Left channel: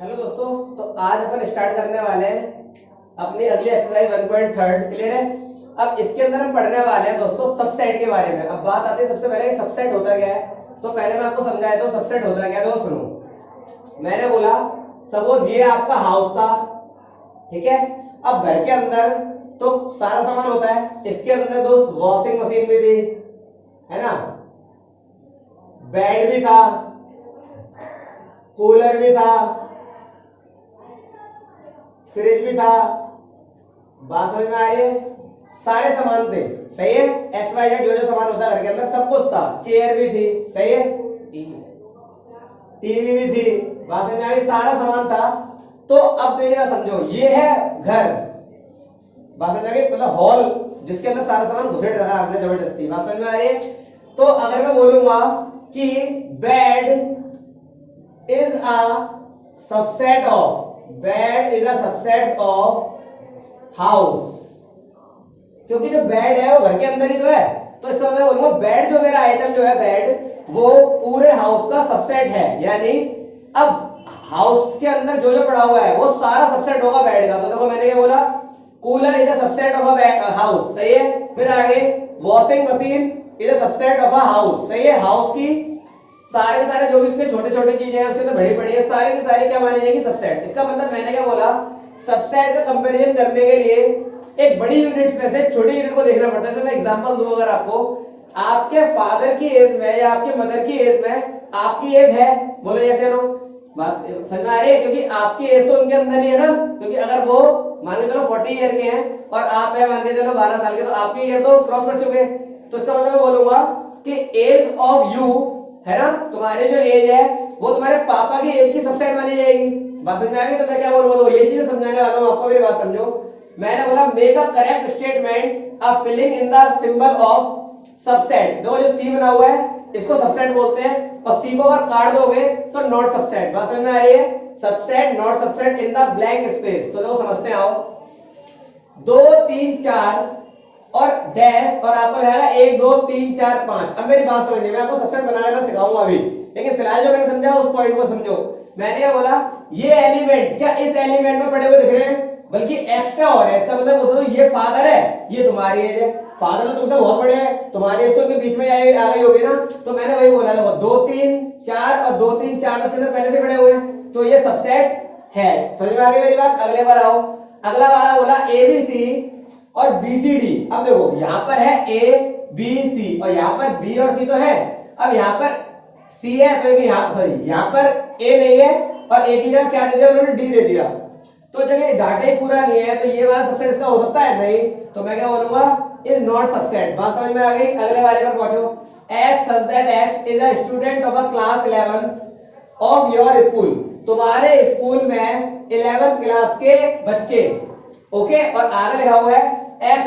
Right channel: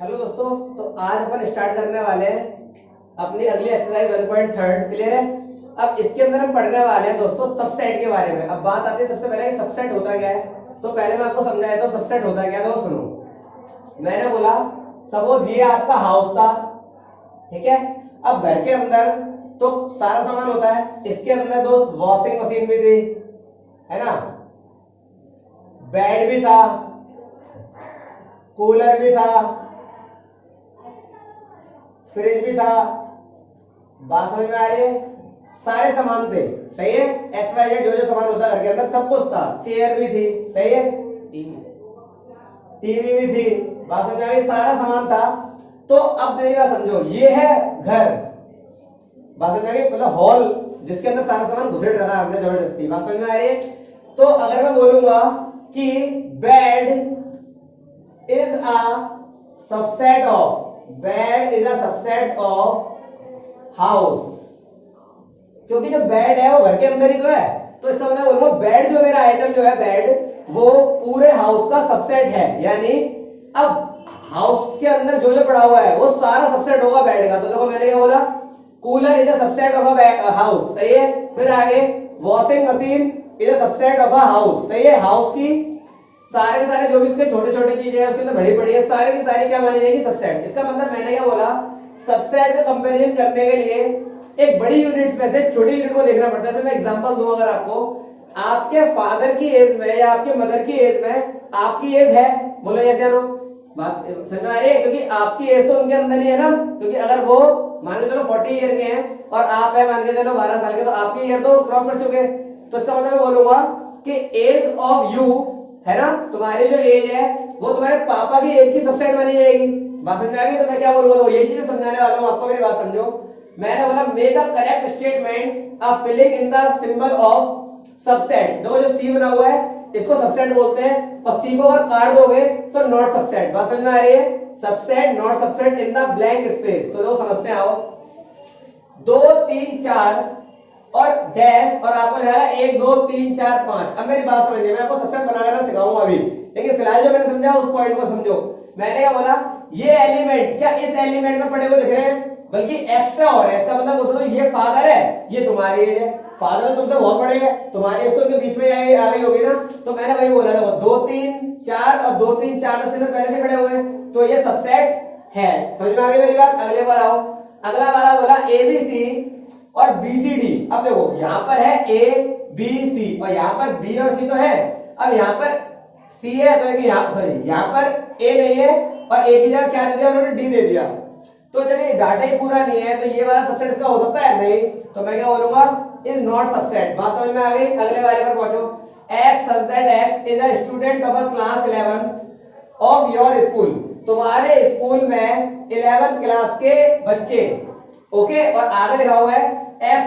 Hello दोस्तों, तो आज अपन स्टार्ट करने वाले हैं अपनी अगली एक्सरसाइज 1.3। क्लियर है। अब इसके अंदर हम पढ़ने वाले हैं दोस्तों सबसेट के बारे में। अब बात आती है सबसे पहले कि सबसेट होता क्या है। तो पहले मैं आपको समझाया तो सबसेट होता क्या है। तो सुनो, मैंने बोला सपोज ये आपका हाउस था, ठीक है। अब घर के अंदर तो सारा सामान होता है। इसके अंदर दोस्त वॉशिंग मशीन भी थी, है ना, बेड भी था, कूलर भी था, फ्रिज भी था। बात समझ में आ रही है। सारे सामान थे, सही है। एक्स वाई जेड जो जो सामान होता है घर के अंदर सब कुछ था। चेयर भी थी, सही है। टीवी भी थी। बात समझ में आ रही, सारा सामान था। तो अब मेरी बात समझो, ये है घर। बात समझ में आ रही, मतलब हॉल जिसके अंदर सारा सामान घुसेड़ रखा है हमने जबरदस्ती। बात समझ में आ रही है। तो अगर मैं बोलूंगा कि bed is a subset of house, क्योंकि जो बेड है वो घर के अंदर ही तो है। तो इसका मैं बोलूंगा बेड जो मेरा आइटम जो है बेड वो पूरे हाउस का सबसेट है। यानी अब हाउस के अंदर जो जो पड़ा हुआ है वो सारा सबसेट होगा बेड का। तो देखो मैंने ये बोला cooler is a subset of a house, सही है। फिर आगे washing machine is a subset of a house, सही है। हाउस की सारे के सारे जो भी इसके छोटे छोटे चीजें हैं उसके अंदर बड़ी बड़ी है, सारी की सारी क्या मानी जाएगी सबसेट। इसका मतलब मैंने क्या बोला, सबसेट का कंपैरिजन करने के लिए एक बड़ी यूनिट में से छोटी यूनिट को देखना पड़ता है। जैसे मैं एग्जांपल दूं, अगर आपको आपके फादर की एज में या आपके मदर की एज में आपकी एज है, बोलो जैसे नो, बात समझ में आ रही है। क्योंकि आपकी एज तो उनके अंदर ही है ना। क्योंकि अगर वो मान के चलो 40 ईयर के हैं और आप है मान के चलो 12 साल के, तो आपकी ईयर तो क्रॉस कर चुके। तो इसका मतलब मैं बोलूंगा कि एज ऑफ यू, है ना, तुम्हारी जो एज है वो तुम्हारे पापा की एज की सबसेट मानी जाएगी। बात समझ में आ गई। तो मैं क्या बोलूंगा, तो ये चीजें समझाने वाला हूं आपको, मेरी बात समझो। मैंने बोला make a correct statement a filling in the symbol of subset. देखो जो सी बना हुआ है इसको सबसेट बोलते हैं, और सी को अगर काट दोगे तो नॉट सबसेट। बात समझ में आ रही है। Subset not subset in the blank space. तो देखो समझते आओ, 2 3 4 और डैश और आपको रहेगा 1 2 3 4 5। अब मेरी बात समझिए, मैं आपको सबसेट बनाना सिखाऊंगा अभी, लेकिन फिलहाल जो मैंने समझा उस पॉइंट को समझो। मैंने क्या बोला, ये एलिमेंट क्या इस एलिमेंट में पड़े हुए दिख रहे हैं, बल्कि एक्स्ट्रा हो रहा है। इसका मतलब बोल दो ये फादर है, ये तुम्हारी एज है। फादर तो तुमसे बहुत बड़े हैं, तुम्हारी एज तो उनके बीच में आ गई होगी ना। तो मैंने वही बोला, देखो 2 3 4 और 2 3 4 उसके अंदर पहले से पड़े हुए हैं, तो ये सबसेट है। समझ में आ गई मेरी बात। अगले बार आओ, अगला वाला बोला एबीसी और बीसीडी। अब देखो यहां पर है ए बी सी और यहां पर बी और सी तो है। अब यहां पर सी है तो यहां सॉरी यहां पर ए नहीं है और ए की जगह क्या दे दिया उन्होंने, डी दे दिया। तो जब ये डाटा ही पूरा नहीं है तो ये वाला सबसेट इसका हो सकता है नहीं। तो मैं क्या बोलूंगा, इज नॉट सबसेट। बात समझ में आ गई। अगले वाले पर पहुंचो, x such that x is a student of a class 11 of your school. तुम्हारे स्कूल में 11th क्लास के बच्चे, ओके। और आगे लिखा हुआ है x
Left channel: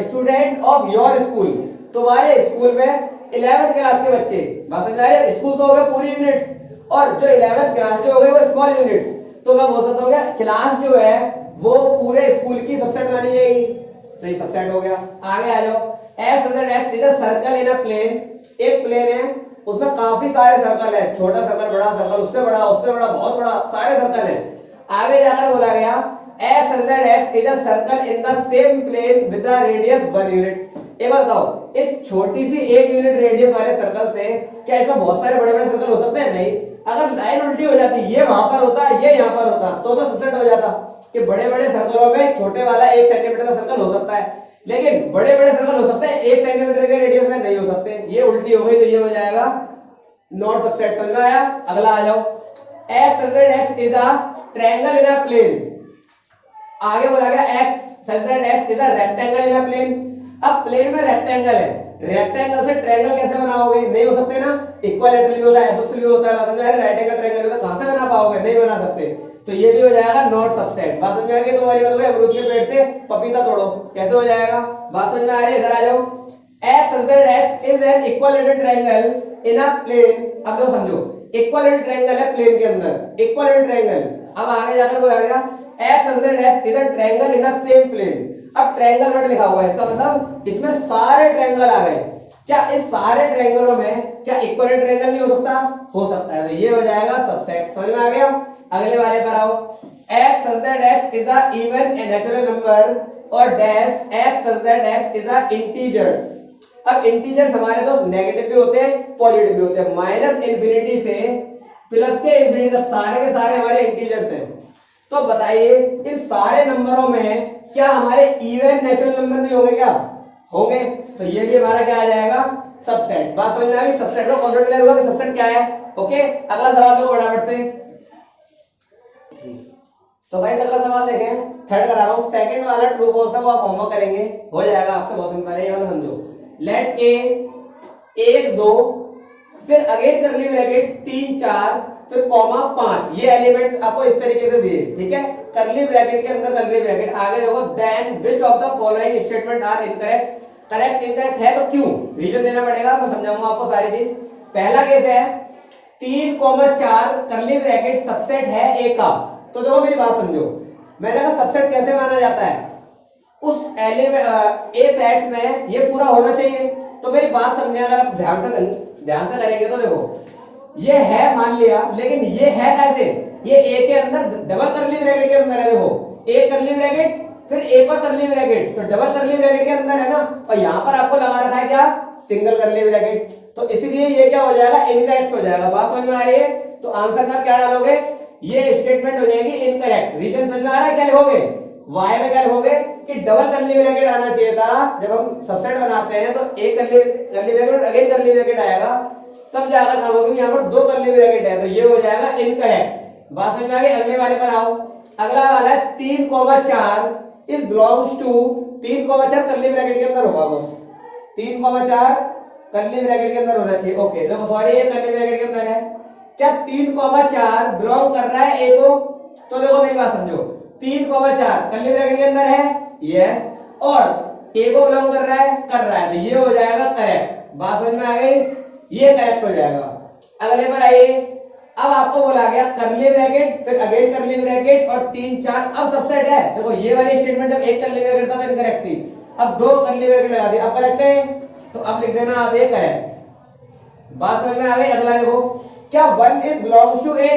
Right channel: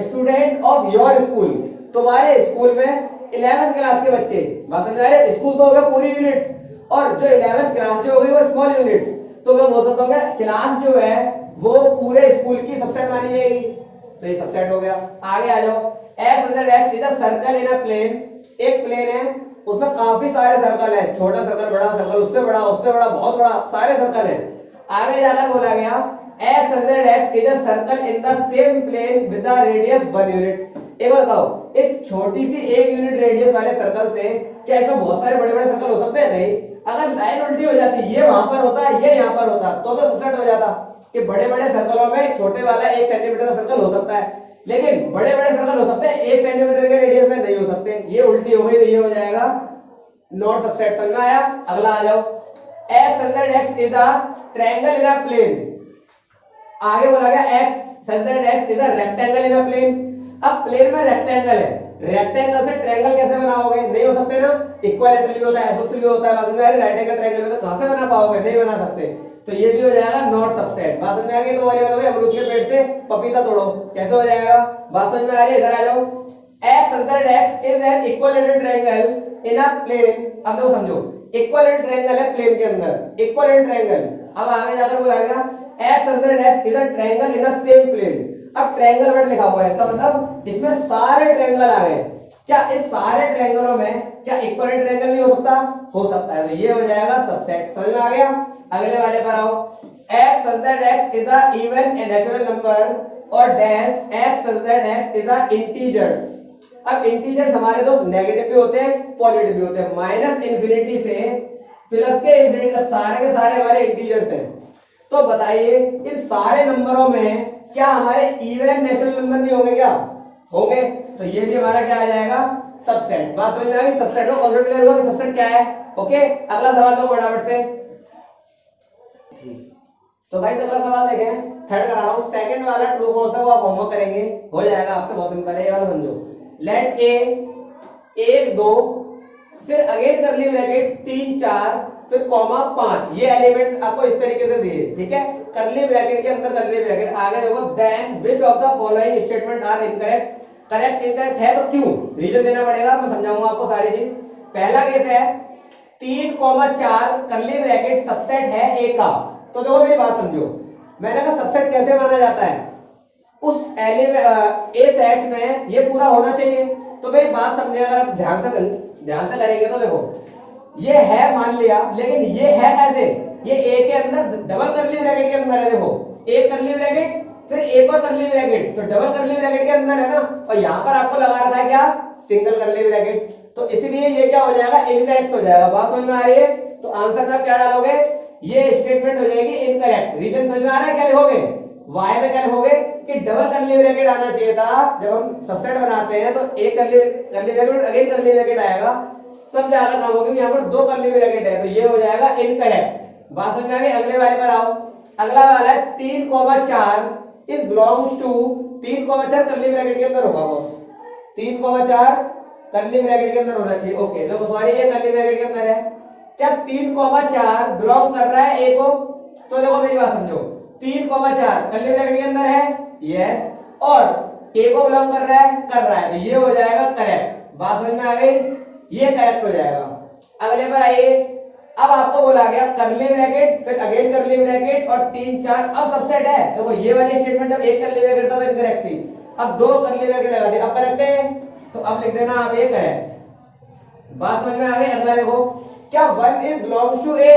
student of your school. तुम्हारे स्कूल में 11th क्लास के बच्चे। बात समझ आ रही है। स्कूल तो हो गए पूरी यूनिट्स, और जो 11th क्लास जो हो गई वो स्मॉल यूनिट्स। तो मैं बोल सकता हूँ क्लास जो है वो पूरे स्कूल की सबसेट मानी जाएगी। तो ये सबसेट हो गया। आगे आ जाओ, x is a circle in a plane. एक प्लेन है उसमें काफी सारे सर्कल है, छोटा सर्कल, बड़ा सर्कल, उससे बड़ा, उससे बड़ा, बहुत बड़ा, सारे सर्कल है। आगे जाकर बोला गया x is a circle in the same plane with the radius 1 unit. एक बात बताओ, इस छोटी सी 1 यूनिट रेडियस वाले सर्कल से क्या इसमें बहुत सारे बड़े बड़े सर्कल हो सकते हैं? नहीं। अगर लाइन उल्टी हो जाती, ये वहां पर होता, ये यहां पर होता, तो सबसेट हो जाता कि बड़े बड़े सर्कलों में छोटे वाला 1 सेंटीमीटर का सर्कल हो सकता है, लेकिन बड़े बड़े सर्कल हो सकते हैं 1 सेंटीमीटर के रेडियस में नहीं हो सकते। ये उल्टी हो गई तो ये हो जाएगा नॉट सबसेट। समझ आया। अगला आ जाओ, x is a triangle in a plane. आगे बोला गया x is a rectangle in a plane. अब प्लेन में रेक्टेंगल है, रेक्टेंगल से ट्रायंगल कैसे बनाओगे? नहीं हो सकते ना। इक्विलैटरल भी होता है, आइसोसेलेस भी होता है, बात समझ आ रही है। राइट एंगल ट्रायंगल भी होता है, कहां से बना पाओगे? नहीं बना सकते। तो ये भी हो जाएगा नॉट सबसेट। बात समझ में आ गई। तो वाली बात हो गई, अमरूद के पेड़ से पपीता तोड़ो, कैसे हो जाएगा? बात समझ में आ रही है। इधर आ जाओ, x is an equilateral triangle in a plane. अब देखो समझो, इक्विलैटरल ट्रायंगल है प्लेन के अंदर, इक्विलैटरल ट्रायंगल। अब आगे जाकर बोला गया x is a triangle in a same plane. अब ट्रायंगल वर्ड लिखा हुआ है, इसका मतलब इसमें सारे ट्रायंगल आ गए। क्या इस सारे ट्रायंगलों में क्या इक्विलेटरल ट्रायंगल नहीं हो सकता? हो सकता है। तो ये हो जाएगा सबसेट। समझ में आ गया? अगले वाले पर आओ। x such that x is a even a natural number और dash x such that x is a integers। अब इंटीजर्स हमारे दोस्त नेगेटिव भी होते हैं, पॉजिटिव भी होते हैं। माइनस इंफिनिटी से प्लस के इंफिनिटी तक सारे के सारे हमारे इंटीजर्स हैं। तो बताइए इन सारे नंबरों में क्या हमारे इवन नेचुरल नंबर नहीं होंगे? क्या होंगे? तो ये भी हमारा क्या आ जाएगा? सबसेट। बात समझ में आ गई? सबसेट का कॉन्सेप्ट क्लियर हुआ कि सबसेट क्या है? ओके, अगला सवाल लो फटाफट से। तो भाई अगला सवाल देखें, थर्ड करा रहा हूं। सेकंड वाला ट्रू फॉल्स है, वो आप होमवर्क करेंगे, हो जाएगा आपसे। बहुत सिंपल है, ये वाला समझो। लेट ए 1 2 फिर अगेन करली ब्रैकेट 3 4 फिर कॉमा 5, ये एलिमेंट्स आपको इस तरीके से दिए, ठीक है। करली ब्रैकेट के अंदर करली ब्रैकेट, आगे देखो then which of the following statement are incorrect. Correct incorrect है तो क्यों, रीजन देना पड़ेगा, मैं समझाऊंगा आपको सारी चीज। पहला केस है 3 4 करली ब्रैकेट सबसेट है ए का। तो देखो मेरी बात समझो, मैंने कहा सबसेट कैसे माना जाता है, उस एलिमेंट ए सेट्स में ये पूरा होना चाहिए। तो मेरी बात समझे, अगर आप ध्यान से करेंगे तो देखो ये है मान लिया, लेकिन ये है कैसे, ये ए के अंदर डबल करली ब्रैकेट के अंदर है। देखो एक करली ब्रैकेट फिर एक और करली ब्रैकेट, तो डबल करली ब्रैकेट के अंदर है ना, और यहाँ पर आपको लगा रखा है क्या, सिंगल करली ब्रैकेट। तो इसलिए ये क्या हो जाएगा, इनकरेक्ट हो जाएगा। बात समझ में आ रही है? तो आंसर में क्या डालोगे, ये स्टेटमेंट हो जाएगी इनकरेक्ट। रीजन समझ में आ रहा है? क्या लिखोगे, वाई में क्या लिखोगे कि डबल करली ब्रैकेट आना चाहिए था। जब हम सबसेट बनाते हैं तो एक करली ब्रैकेट अगेन करली ब्रैकेट आएगा, तब जाकर काम होगा, यहाँ पर 2 करली ब्रैकेट है, तो ये हो जाएगा इनकरेक्ट। बात समझ में आ गई? अगले वाले पर आओ। अगला वाला है 3 4 इज बिलोंग्स टू 3 4 करली ब्रैकेट के अंदर होगा बस, 3 4 करली ब्रैकेट के अंदर होना चाहिए। ओके देखो सॉरी, ये करली ब्रैकेट के अंदर है। क्या 3 4 बिलोंग कर रहा है ए को? तो देखो मेरी बात समझो, 3 4 करली ब्रैकेट के अंदर है, यस, और ए को बिलोंग कर रहा है, तो ये हो जाएगा करेक्ट। बात समझ में आ गई? ये करेक्ट हो जाएगा। अगले पर आइए। अब आपको बोला गया करली ब्रैकेट फिर अगेन करली ब्रैकेट और 3 4, अब सबसेट है। देखो ये वाली स्टेटमेंट जब एक करली ब्रैकेट था तो इनकरेक्ट थी, अब 2 करली ब्रैकेट लगा दी, अब करेक्ट है। तो अब लिख देना आप ये करेक्ट। बात समझ में आ गई? अगला देखो, क्या 1 is belongs to A,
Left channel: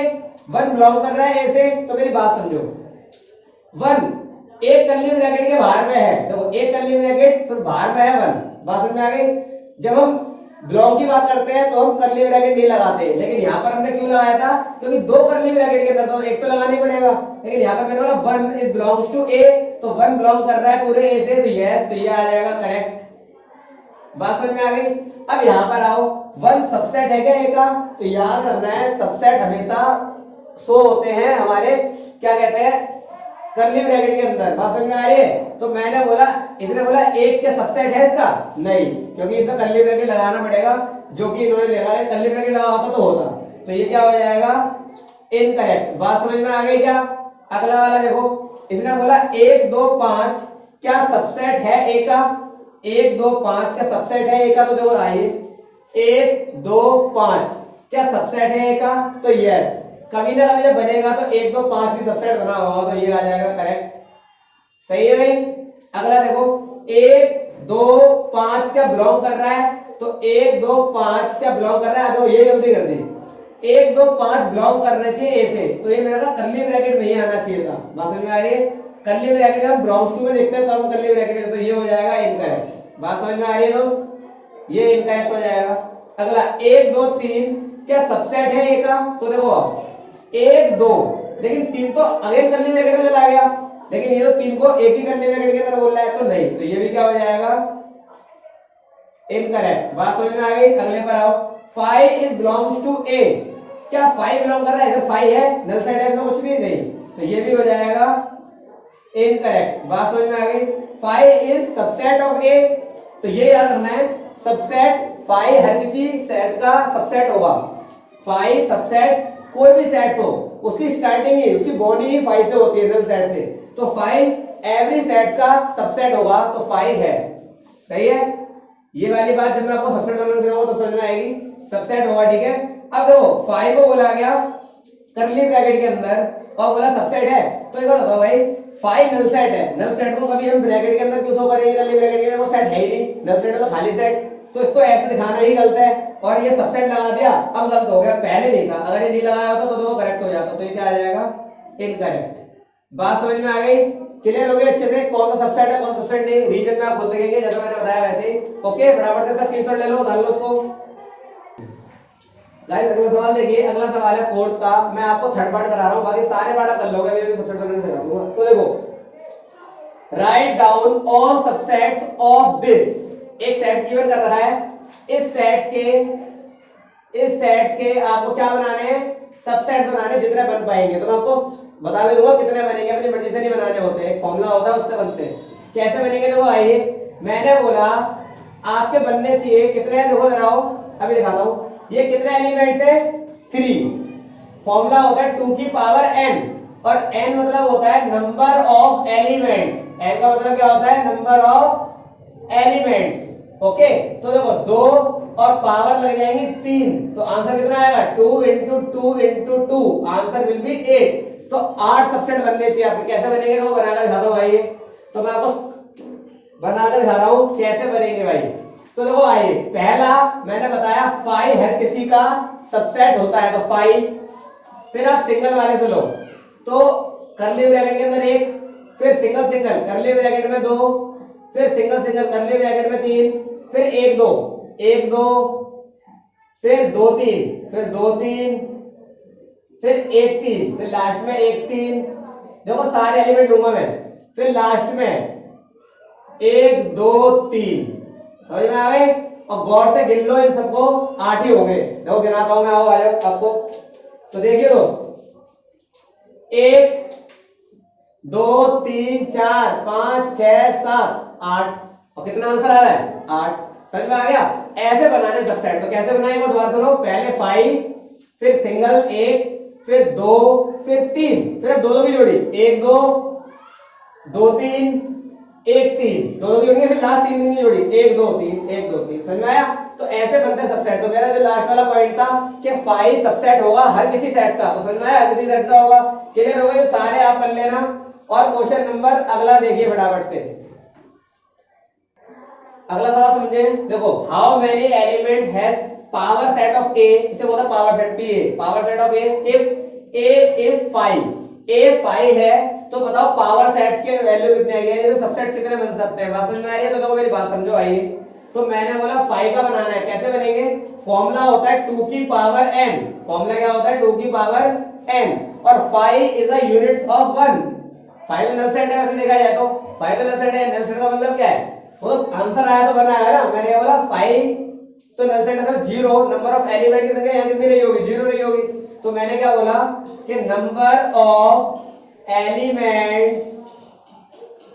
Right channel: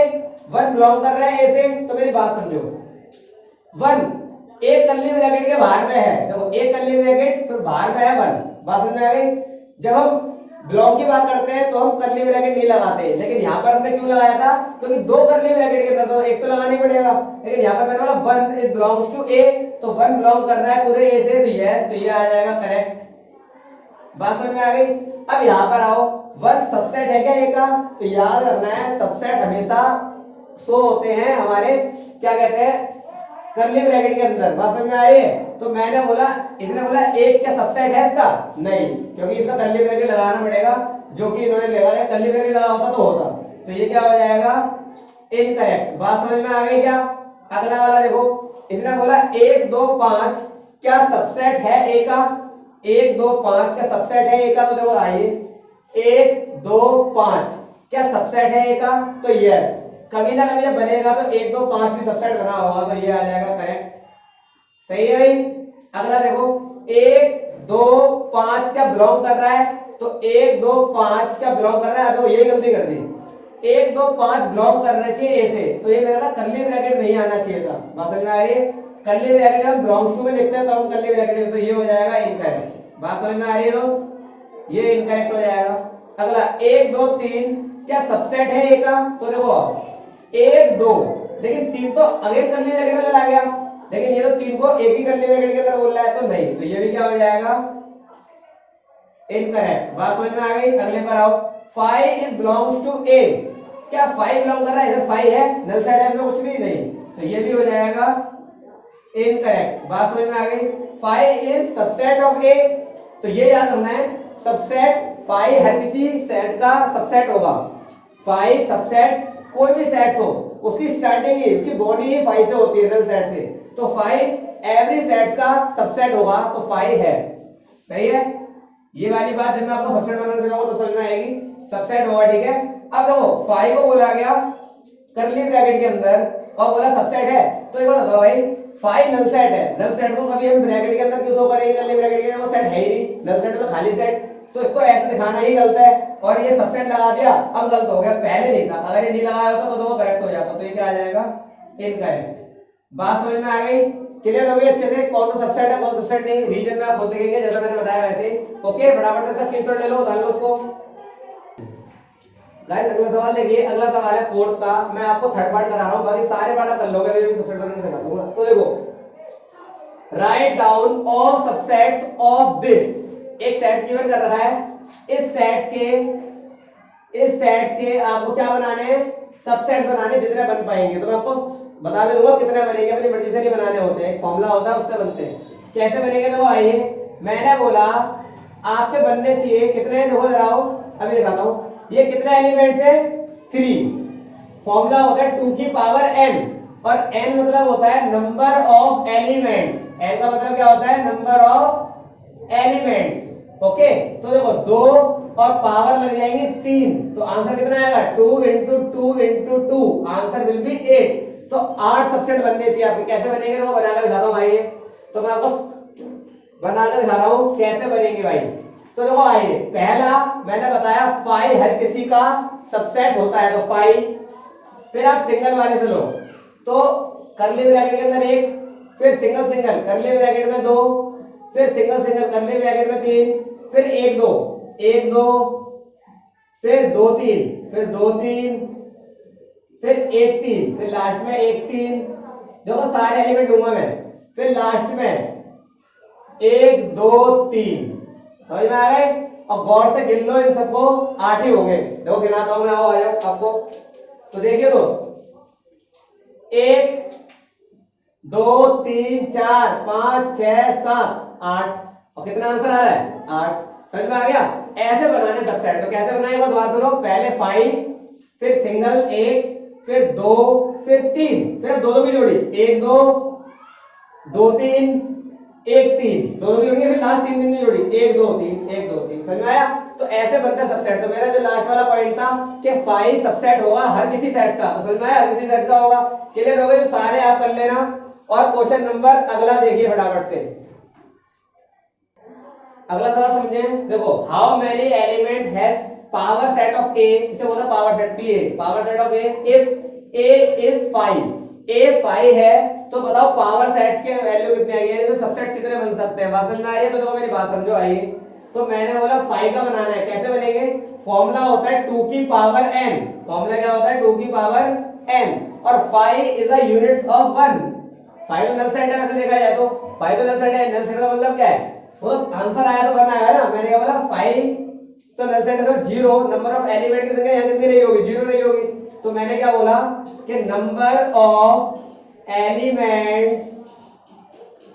1 belong कर रहा है ए से। तो मेरी बात समझो, 1 एक करली ब्रैकेट के बाहर में है, देखो एक करली ब्रैकेट फिर बाहर में है 1। बात समझ में आ गई? जब हम बिलोंग की बात करते हैं तो हम करली ब्रैकेट नहीं लगाते, लेकिन यहाँ पर हमने क्यों लगाया था, क्योंकि 2 करली ब्रैकेट के अंदर, तो एक तो लगानी पड़ेगा। लेकिन यहाँ पर मैंने बोला 1 इज बिलोंग्स टू ए, तो 1 बिलोंग कर रहा है पूरे ए से, तो यस, तो ये आ जाएगा करेक्ट। बात समझ में आ गई? अब यहाँ पर आओ, 1 सबसेट है क्या ए का? तो याद रखना है सबसेट हमेशा शो होते हैं हमारे क्या कहते हैं, करली ब्रैकेट के अंदर। बात समझ में आ रही है? तो मैंने बोला, इसने बोला एक क्या सबसेट है इसका? नहीं, क्योंकि इसमें करली ब्रैकेट लगाना पड़ेगा, जो कि इन्होंने लगाया, करली ब्रैकेट लगा होता तो होता। तो ये क्या हो जाएगा, इनकरेक्ट। बात समझ में आ गई क्या? अगला वाला देखो, इसने बोला 1 2 5 क्या सबसेट है ए का? 1 2 5 क्या सबसेट है ए का? तो देखो आइए, 1 2 5 क्या सबसेट है ए का? तो यस, कभी ना कभी जब बनेगा तो 1 2 5 भी सबसेट बना होगा, तो ये आ जाएगा करेक्ट। सही है भाई? अगला देखो, 1 2 5 क्या बिलोंग कर रहा है? तो 1 2 5 क्या बिलोंग कर रहा है? तो ये गलती कर दी, 1 2 5 बिलोंग करना चाहिए ए से, तो ये मेरे पास करली ब्रैकेट नहीं आना चाहिए था। बात समझ में आ रही है? करली ब्रैकेट हम बिलोंग्स टू में देखते हैं तो हम करली ब्रैकेट, तो ये हो जाएगा इनकरेक्ट। बात समझ में आ रही है दोस्त? ये इनकरेक्ट हो जाएगा। अगला 1 2 3 क्या सबसेट है ए का? तो देखो 1 2, लेकिन 3 तो अगेन करली ब्रैकेट में चला गया, लेकिन ये तो 3 को एक ही करली ब्रैकेट के अंदर बोल रहा है, तो नहीं, तो ये भी क्या हो जाएगा, इनकरेक्ट। बात समझ में आ गई? अगले पर आओ, 5 इज बिलोंग्स टू ए, क्या 5 बिलोंग कर रहा है? 5 है, नल साइड है इसमें कुछ भी नहीं, तो ये भी हो जाएगा इनकरेक्ट। बात समझ में आ गई? 5 इज सबसेट ऑफ ए, तो ये याद रखना है, सबसेट 5 हर किसी सेट का सबसेट होगा। 5 सबसेट कोई भी सेट हो, उसकी स्टार्टिंग ही, उसकी बॉडी ही 5 से होती है, नल सेट से, तो 5 एवरी सेट का सबसेट होगा, तो 5 है। सही है? ये वाली बात जब मैं आपको सबसेट बनाना सिखाऊंगा तो समझ में आएगी, सबसेट होगा, ठीक है। अब देखो 5 को बोला गया करली ब्रैकेट के अंदर और बोला सबसेट है, तो ये बताओ भाई 5 नल सेट है, नल सेट को कभी हम ब्रैकेट के अंदर क्यों शो करेंगे, करली ब्रैकेट के अंदर? वो सेट है ही नहीं, नल सेट तो खाली सेट, तो इसको ऐसे दिखाना ही गलत है, और ये सबसेट लगा दिया, अब गलत हो गया, पहले नहीं था, अगर ये नहीं लगाया होता तो दोनों करेक्ट हो जाता, तो ये क्या आ जाएगा, इनकरेक्ट। बात समझ में आ गई, क्लियर हो गई अच्छे से, कौन सा सबसेट है कौन सा सबसेट नहीं, रीजन में आप खुद देखेंगे जैसा मैंने बताया वैसे ही। ओके, फटाफट से इसका स्क्रीनशॉट ले लो, डाल लो उसको। गाइस अगला सवाल देखिए, अगला सवाल है फोर्थ का, मैं आपको थर्ड पार्ट करा रहा हूं, बाकी सारे पार्ट आप कर लोगे, अभी सबसेट करने सिखा दूंगा। तो देखो, write down all subsets of this, एक सेट गिवन कर रहा है, इस सेट्स के आपको क्या बनाने हैं, सबसेट्स बनाने, जितने बन पाएंगे। तो मैं आपको बता भी दूंगा कितने बनेंगे, अपनी मर्जी से नहीं बनाने होते, एक फॉर्मूला होता है उससे बनते हैं। कैसे बनेंगे देखो, आइए, मैंने बोला आपके बनने चाहिए कितने, देखो जरा अभी दिखाता हूं, ये कितने एलिमेंट्स है, 3। फॉर्मूला होता है 2 की पावर n, और n मतलब होता है नंबर ऑफ एलिमेंट्स, n का मतलब क्या होता है, नंबर ऑफ एलिमेंट्स। ओके, तो देखो 2 और पावर लग जाएंगी 3, तो आंसर कितना आएगा, 2 into 2 into 2, answer will be 8। तो 8 सबसेट बनने चाहिए आपके। कैसे बनेंगे तो बनाकर दिखाता हूं भाई, तो मैं आपको बनाकर दिखा रहा हूं कैसे बनेंगे भाई। तो देखो आइए, पहला मैंने बताया 5 हर किसी का सबसेट होता है, तो 5, फिर आप सिंगल वाले से लो, तो कर्ली ब्रैकेट के अंदर 1, फिर सिंगल सिंगल कर्ली ब्रैकेट में 2, फिर सिंगल सिंगल कर्ली ब्रैकेट में 3, फिर 1 2 1 2, फिर 2 3, फिर 2 3, फिर 1 3, फिर लास्ट में 1 3, देखो सारे एलिमेंट लूंगा मैं, फिर लास्ट में 1 2 3, समझ में आ गए। और गौर से गिन लो इन सबको, 8 ही हो गए, देखो गिनाता हूं मैं, आओ आ जाओ आपको। तो देखिए तो 1 2 3 4 5 6 7 8, और कितना आंसर आ रहा है, 8। समझ में आ गया, ऐसे बनाने सबसेट। तो कैसे बनाएंगे दोबारा सुनो, पहले 5, फिर सिंगल 1, फिर 2, फिर 3, फिर अब दोनों की जोड़ी 1 2 2 3 1 3, दोनों की जोड़ी, फिर लास्ट 3 की जोड़ी 1 2 3 1 2 3। समझ में आया, तो ऐसे बनता है सबसेट। तो मेरा जो लास्ट वाला पॉइंट था कि 5 सबसेट होगा हर किसी सेट का, तो समझ में आया, हर किसी सेट का होगा। क्लियर हो गया, सारे आप कर लेना। और क्वेश्चन नंबर अगला देखिए फटाफट से, अगला सवाल समझे। देखो, how many element has power set of A, इसे बोलते हैं power set P A, power set of A, if A is 5, A 5 है, तो बताओ पावर सेट्स के वैल्यू कितने आएंगे, यानी तो सबसेट्स कितने बन सकते हैं। बात समझ में आ रही है, तो देखो मेरी बात समझो, आइए। तो मैंने बोला 5 का बनाना है, कैसे बनेंगे, फॉर्मूला होता है 2 की पावर n, फॉर्मूला क्या होता है 2 की पावर n, और 5 इज अ यूनिट्स ऑफ 1। 5 तो नल सेट है, वैसे देखा जाए तो 5 तो नल सेट है, नल सेट का मतलब क्या है, वो आंसर आया तो 1 आएगा ना। मैंने क्या बोला 5 तो नल सेट है, 0 नंबर ऑफ एलिमेंट की संख्या यहां कितनी नहीं होगी, 0 नहीं होगी। तो मैंने क्या बोला कि number of elements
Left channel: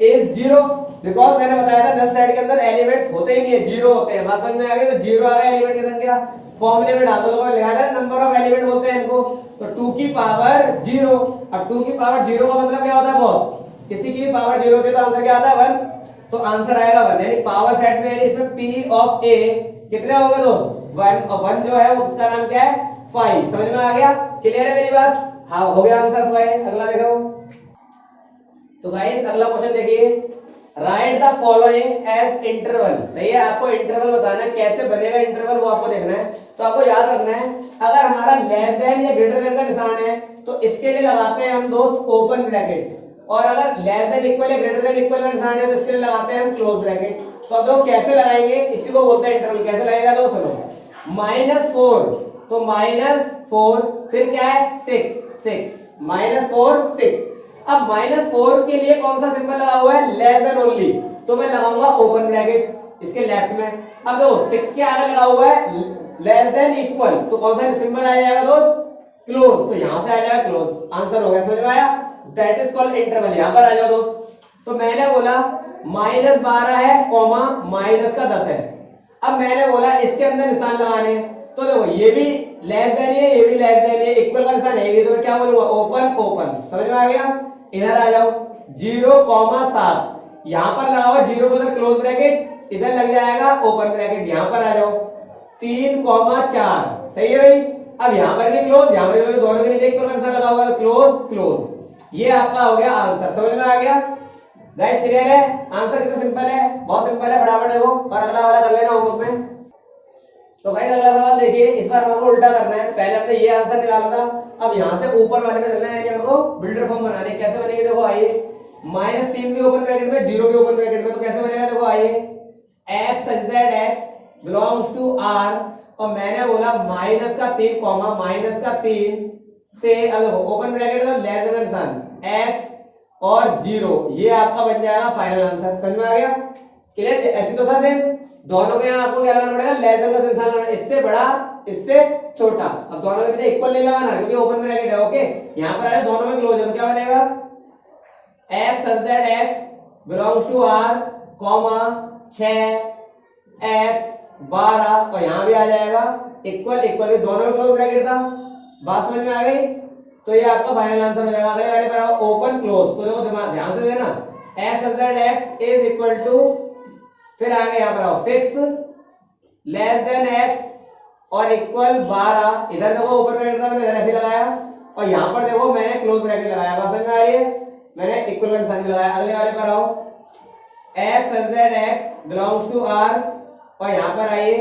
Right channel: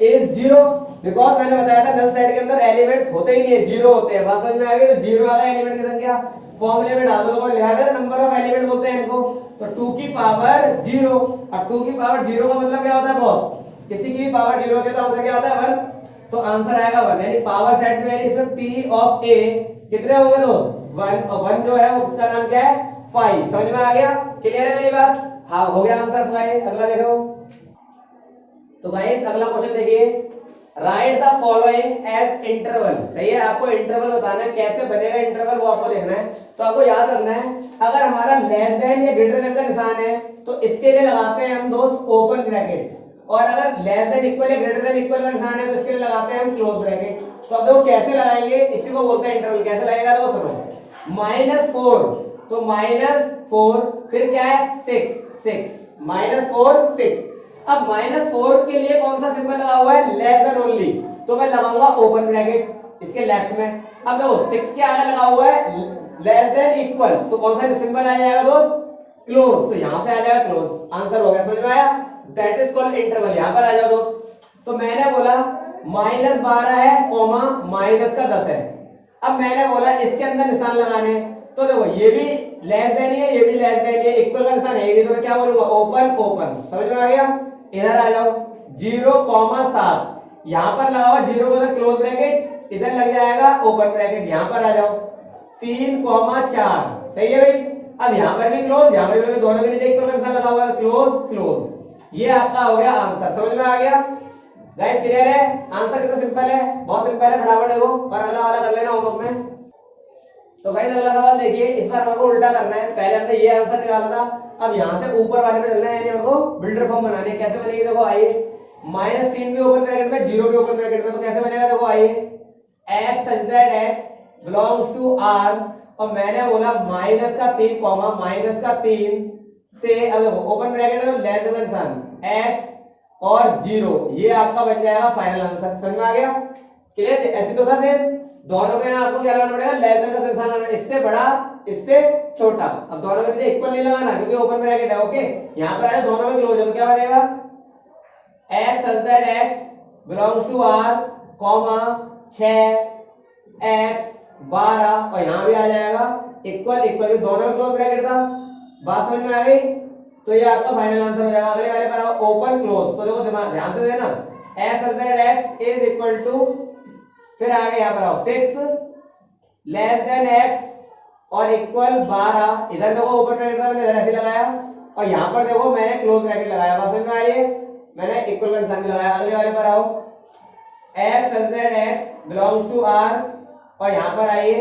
is 0, because मैंने बताया था नल सेट के अंदर एलिमेंट्स होते ही नहीं है, 0 होते हैं। बात समझ में आ गई, तो 0 आ गया एलिमेंट की संख्या, फॉर्मूले में डाल दो, लिखा है नंबर ऑफ एलिमेंट बोलते हैं इनको। तो 2 की पावर 0, अब 2 की पावर 0 का मतलब क्या होता है बॉस, किसी की भी पावर 0 होती है तो आंसर क्या आता है 1, तो आंसर आएगा 1। यानी पावर सेट में, यानी इसमें p ऑफ a कितने होंगे दोस्त, 1, और 1 जो है उसका नाम क्या है 5। समझ में आ गया, क्लियर है मेरी बात, हाँ हो गया आंसर। अगला देखो, तो गाइस अगला क्वेश्चन देखिए, write the following as interval. सही है, आपको इंटरवल बताना है, कैसे बनेगा इंटरवल वो आपको देखना है। तो आपको याद रखना है, अगर हमारा लेस देन या ग्रेटर देन का निशान है तो इसके लिए लगाते हैं हम दोस्त ओपन ब्रैकेट, और अगर लेस देन इक्वल या ग्रेटर देन इक्वल का निशान है तो इसके लिए लगाते हैं हम क्लोज ब्रैकेट। तो अब देखो कैसे लगाएंगे, इसी को बोलते हैं इंटरवल। कैसे लगेगा तो सुनो, -4, तो -4, फिर क्या है 6 -4 6। अब -4 के लिए कौन सा सिंबल लगा हुआ है, लेस देन ओनली, तो मैं लगाऊंगा ओपन ब्रैकेट इसके लेफ्ट में। अब देखो 6 के आगे लगा हुआ है लेस देन इक्वल, तो कौन सा सिंबल आ जाएगा दोस्त, क्लोज, तो यहां से आ जाएगा क्लोज। आंसर हो गया, समझ में आया, दैट इज कॉल्ड इंटरवल। यहां पर आ जाओ दोस्त। तो मैंने बोला -12 है कॉमा -10 है। अब मैंने बोला इसके अंदर निशान लगाने, तो देखो ये भी लेस देन है, ये भी लेस देन है, इक्वल का निशान है, तो मैं क्या बोलूंगा ओपन ओपन। समझ में आ गया, इधर आ जाओ 0,7, यहां पर लगा हुआ 0 को क्लोज ब्रैकेट, इधर लग जाएगा ओपन ब्रैकेट। यहां पर आ जाओ 3,4, सही है भाई। अब यहां पर भी क्लोज, यहां पर भी, दोनों के नीचे इक्वल का निशान लगा हुआ है, क्लोज क्लोज। ये आपका हो गया आंसर। समझ में आ गया गाइस, क्लियर है, आंसर कितना सिंपल है, बहुत सिंपल है, फटाफट देखो। और अगला वाला कर लेना होमवर्क में। तो भाई अगला सवाल देखिए, इस बार हमको उल्टा करना है। पहले हमने ये आंसर निकाला था, अब यहाँ से ऊपर वाले में चलना है, यानी हमको बिल्डर फॉर्म बनाने। कैसे बनेगी देखो आइए, -3 भी ओपन ब्रैकेट में, 0 भी ओपन ब्रैकेट में, तो कैसे बनेगा देखो आइए, x such that x belongs to r, और मैंने बोला -3 कॉमा -3 से, अब ओपन ब्रैकेट में लेस देन निशान x और 0, ये आपका बन जाएगा फाइनल आंसर। समझ में आ गया? क्लियर? ऐसे तो था सेम, दोनों में आपको क्या लगाना पड़ेगा, लेस देन का निशान लगाना, इससे बड़ा इससे छोटा। अब दोनों के पीछे इक्वल नहीं लगाना क्योंकि ओपन ब्रैकेट है। ओके, यहाँ पर आया दोनों में क्लोज है, तो क्या बनेगा, x such that x belongs to r comma 6x 12, और यहाँ भी आ जाएगा इक्वल इक्वल, दोनों में क्लोज ब्रैकेट था। बात समझ में आ गई? तो ये आपका फाइनल आंसर हो जाएगा। अगले वाले पर ओपन क्लोज, तो देखो दिमाग ध्यान से देना, x such that x is equal to, फिर आगे यहाँ पर आओ 6 लेस देन x और इक्वल 12, इधर देखो ओपन ब्रैकेट था, मैंने इधर ऐसे लगाया, और यहाँ पर देखो मैंने क्लोज ब्रैकेट लगाया। बात समझ में आ रही है? मैंने इक्वल का निशान भी लगाया। अगले वाले पर आओ, x such that x belongs to r, और यहाँ पर आइए,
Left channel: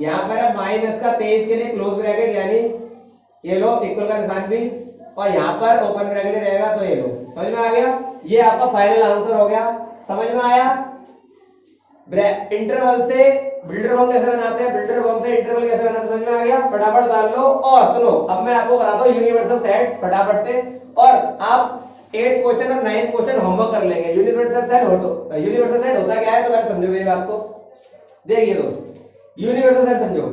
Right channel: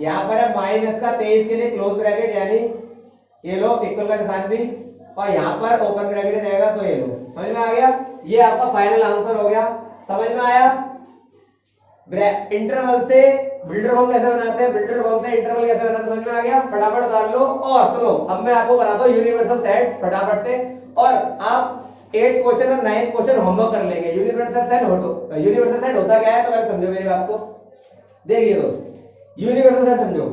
यहाँ पर है -23 के लिए क्लोज ब्रैकेट, यानी ये लो इक्वल का निशान भी, और यहाँ पर ओपन ब्रैकेट रहेगा, तो ये लो। समझ में आ गया? ये आपका फाइनल आंसर हो गया। समझ में आया? इंटरवल से बिल्डर फॉर्म कैसे बनाते हैं, बिल्डर फॉर्म से इंटरवल कैसे बनाते हैं, समझ में आ गया? फटाफट डाल लो। और सुनो, अब मैं आपको कराता हूँ यूनिवर्सल सेट्स फटाफट से, और आप 8th क्वेश्चन और 9th क्वेश्चन होमवर्क कर लेंगे। यूनिवर्सल सेट होता क्या है, तो पहले समझो मेरी बात को। देखिए दोस्त, यूनिवर्सल सेट समझो।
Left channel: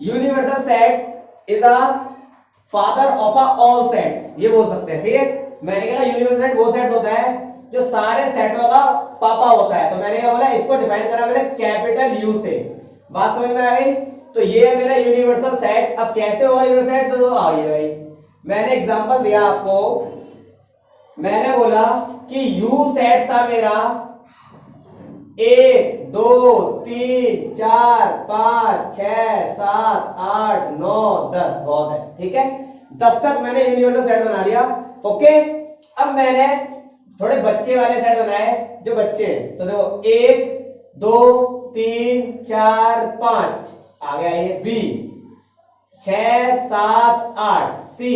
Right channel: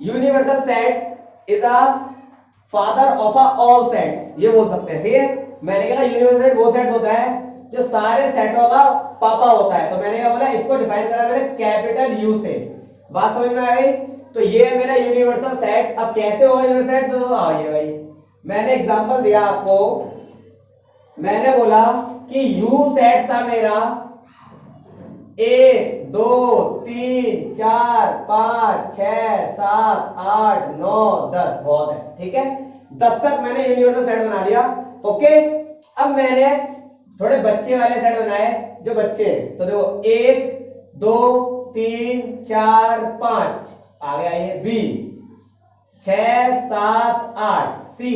Universal set is a father of all sets, ये बोल सकते हैं। ठीक है, मैंने कहा यूनिवर्सल सेट वो सेट होता है जो सारे सेटों का पापा होता है। तो मैंने क्या बोला, इसको डिफाइन करा मैंने कैपिटल यू से। बात समझ में आ गई? तो ये है मेरा यूनिवर्सल सेट। अब कैसे होगा यूनिवर्सल सेट, तो आइए भाई, मैंने एग्जांपल दिया आपको, मैंने बोला कि यू सेट था मेरा 1 2 3 4 5 6 7 8 9 10, बहुत है। ठीक है, 10 तक मैंने यूनिवर्सल सेट बना लिया। ओके, अब मैंने थोड़े बच्चे वाले सेट बनाए, जो बच्चे हैं, तो देखो 1 2 3 4 5 आ गया ये बी, 6 7 8 सी,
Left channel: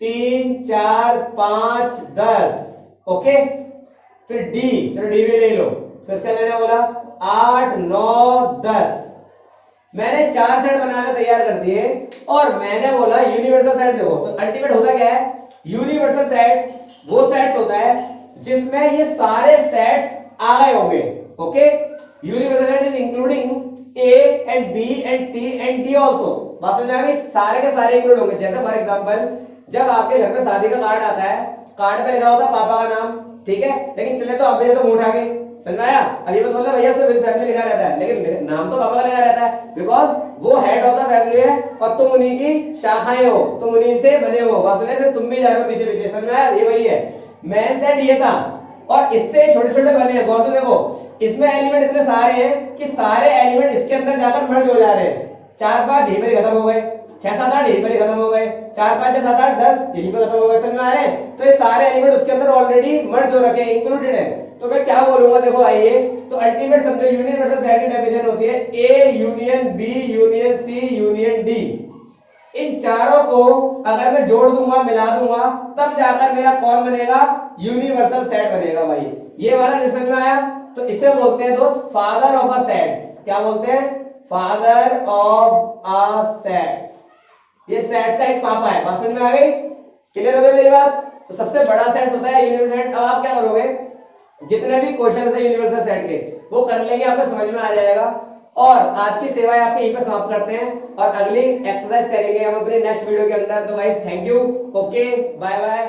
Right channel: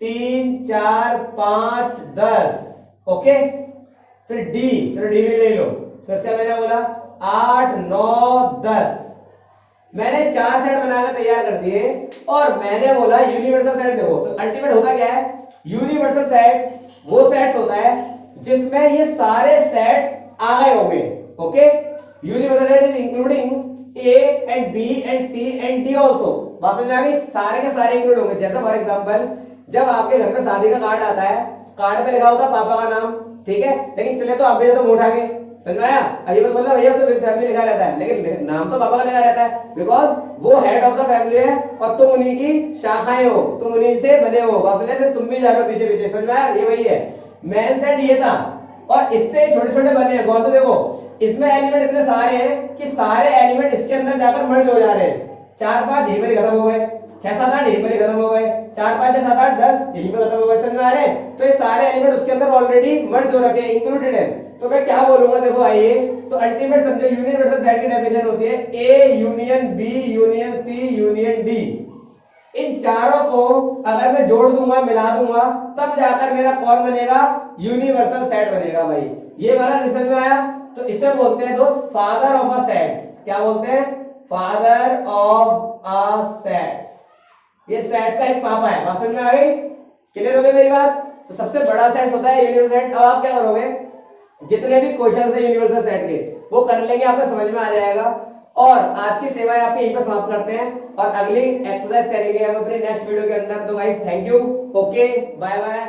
3 4 5 10। ओके, फिर डी, चलो डी में ले लो। तो इसका मैंने बोला 8 9 10, मैंने 4 सेट बनाकर तैयार कर दिए, और मैंने बोला यूनिवर्सल सेट देखो। तो अल्टीमेट होता क्या है, यूनिवर्सल सेट वो सेट्स होता है जिसमें ये सारे सेट्स आ गए होंगे। Okay, universal set is including A and B and C and D also. बात समझ आ गई? सारे के सारे इंक्लूड होंगे। जैसे फॉर एग्जांपल, जब आपके घर में शादी का कार्ड आता है, कार्ड पे लिखा होता है पापा का नाम, ठीक है, लेकिन चले तो आप भी तो मुंह उठा के, समझ आया? अब ये मत बोलना भैया उसमें विद फैमिली लिखा रहता है, लेकिन नाम तो पापा का लिखा रहता है, बिकॉज वो हेड ऑफ द फैमिली है और तुम उन्हीं की शाखाएं हो, तुम उन्हीं से बने हो। बात समझ आया? तुम भी जा रहे हो पीछे पीछे, समझ आया? ये वही है मेन सेट, ये था। और इससे छोटे छोटे बने हैं। गौर से देखो, इसमें एलिमेंट इतने सारे हैं कि सारे एलिमेंट इसके अंदर जाकर मर्ज हो जा रहे हैं। 4 5 यहीं पर खत्म हो गए, 6 7 8 यहीं पर खत्म हो गए, 4 5 6 7 8 10 यहीं पर खत्म हो गए। समझ में आ रहे हैं? तो ये सारे एलिमेंट उसके अंदर ऑलरेडी मर्ज हो रखे हैं, इंक्लूडेड है। तो मैं क्या बोलूंगा देखो आइए, तो अल्टीमेट समझो यूनिवर्सल सेट की डेफिनेशन होती है A union B union C union D. इन चारों को अगर मैं जोड़ दूंगा, मिला दूंगा, तब जाकर मेरा कौन बनेगा, यूनिवर्सल सेट बनेगा भाई। ये वाला समझ में आया? तो इसे बोलते हैं दोस्त फादर ऑफ अ सेट्स। क्या बोलते हैं? Father of a sets. ये सेट्स का एक पापा है। बात समझ में आ गई? क्लियर हो गई मेरी बात? तो सबसे बड़ा सेट होता है यूनिवर्सल सेट। अब आप क्या करोगे, जितने भी क्वेश्चन है यूनिवर्सल सेट के वो कर लेंगे, आपको समझ में आ जाएगा। और आज की सेवाएं आपके यहीं पर समाप्त करते हैं, और अगली एक्सरसाइज करेंगे हम अपने नेक्स्ट वीडियो के अंदर। तो guys thank you, okay, bye bye.